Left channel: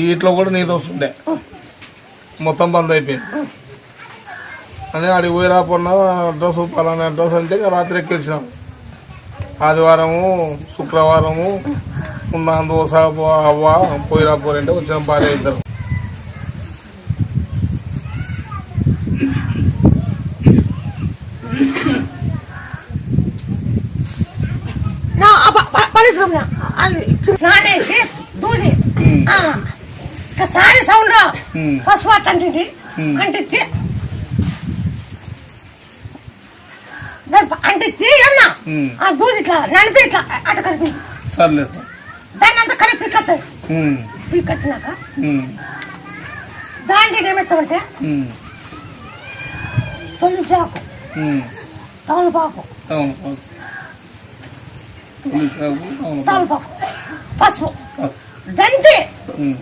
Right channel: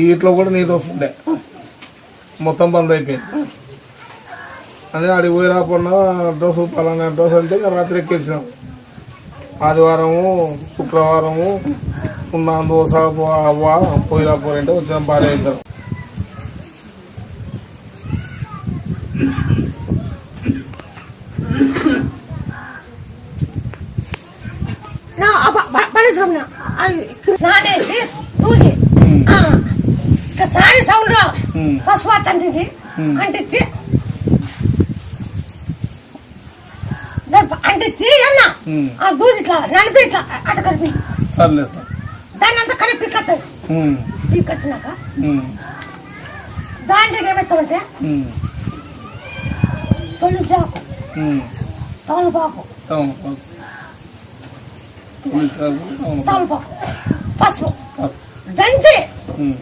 ఈ ఇంట్లో కూడా నీరు వస్తుండే మొత్తం బంద్ అయిపోయింది. అదే ఆడికి పోయి రాకుండా డ్రెస్ పలానా డ్రెస్ అంటే రాత్రి ఎక్కించినాం. ఆదివారము శుక్రవారము ఉన్న దోశ అవ్వ పోయి రాపోరంటే వచ్చిన భార్య ఇద్దరు. నానేసి దూది సారి సౌండ్ పసుపు అంటించి అంటించి అంటించి అన్న ఆ దూది ఇట్లా నడిపి ఇట్లా అట కలిపి దాన్ని అంతా కలిపి పిక్కత్తాయి. పిక్కచ్చినాక దాంట్లో ఏమెత్తామంటే తొలిచాకు తమలపాకు తమలపాకు పసుపు దంచి